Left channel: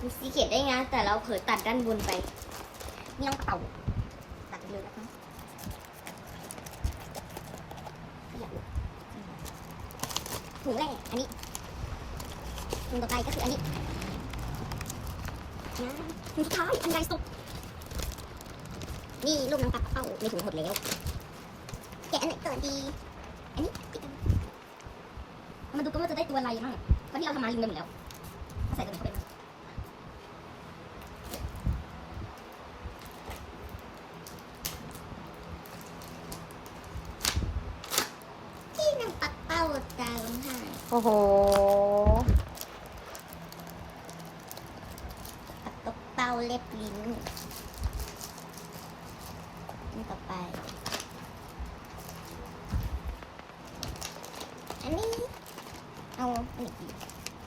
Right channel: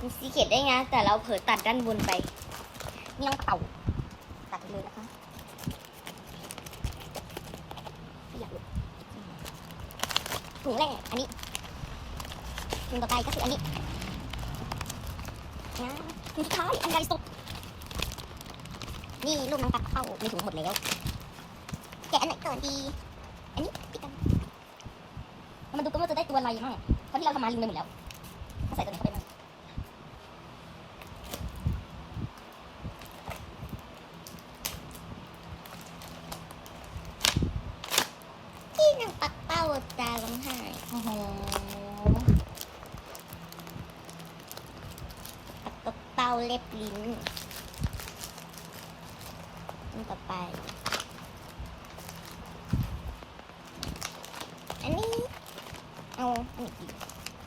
มีสีเขียนได้ไงแต่เราเผลอตัดด้านบนไปนี่น้องเต่าตัดเลยนะคะขยับเลยถุงแรกอันนี้ถุงต่อไปก็คืออันนี้นะสุดท้ายอันใดสุดนี่รูปน้องปักเป้ามีถุงหดแล้วแกะอันไหนก่อนดี อันนี้ปิดกันมาดูกันว่าจะได้ตัวอะไรมั่งเพราะที่เราทำมาลืมไปหมดแล้วก็ใส่ตัวนี้เข้าไปบ้างที่นางปักเป้า ตาร้องไห้โอ้โหปักตกเป้าเล็บลิ้นนี่ต่อไป อันนี้ เอาอันนี้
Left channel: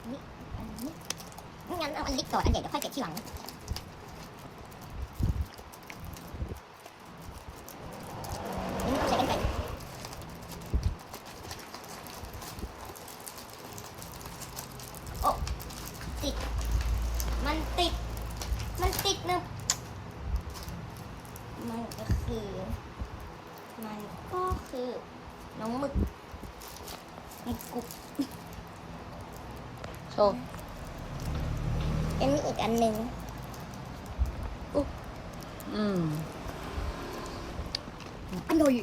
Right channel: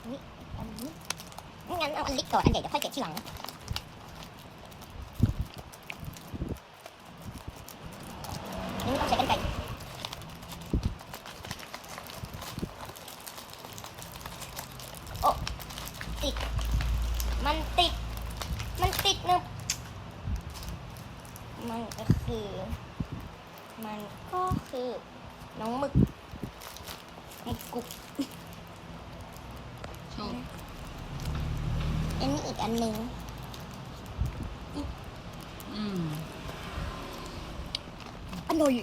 อันนี้อันนี้งั้นเอาอันเล็กก่อนอันใหญ่เดี๋ยวค่อยเก็บทีหลัง นี่ต้องใช้กันไกรโอ้ติด มันติด มันติดนะ มันก็คือ มันก็คือน้องหมึกหมึกกรุบโชว์อันนี้อีกอันหนึ่งอืมอร่อย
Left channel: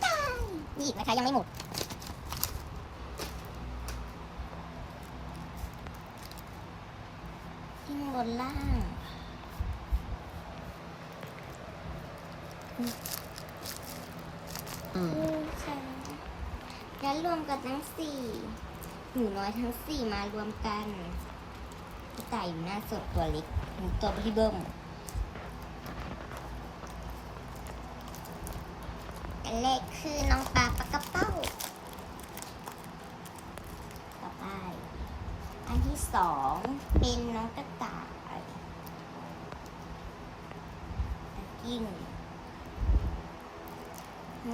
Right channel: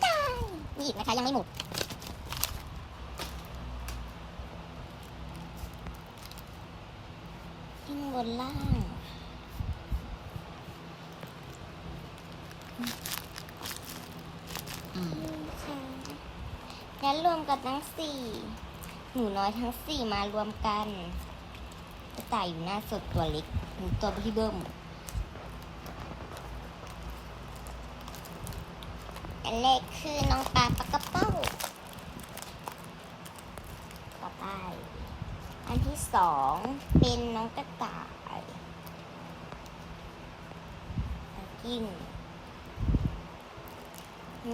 ได้นี่อีกนะคะยังไม่หมด ข้าง บนล่างอืมอืมค่ะงั้นรวมกับทั้งสี่หนูน้อยทั้งสี่มารวมกันกระต่ายอยู่หน้าสดตัวเล็กหมูตัวที่เบิ้มอันแรกคือน้องปลาปลากระเป้าต่อไป อันที่สองเป็นน้องกระต่ายน้อง กิ้ง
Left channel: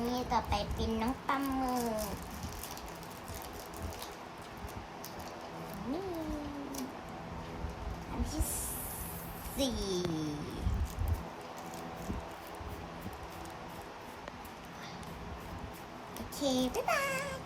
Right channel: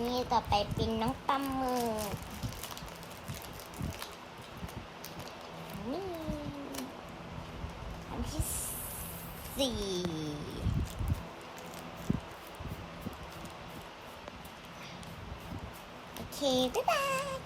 นี่ต่อไปเป็นน้องปลาหมึกนี่อันที่สี่โอเค บ๊ายบาย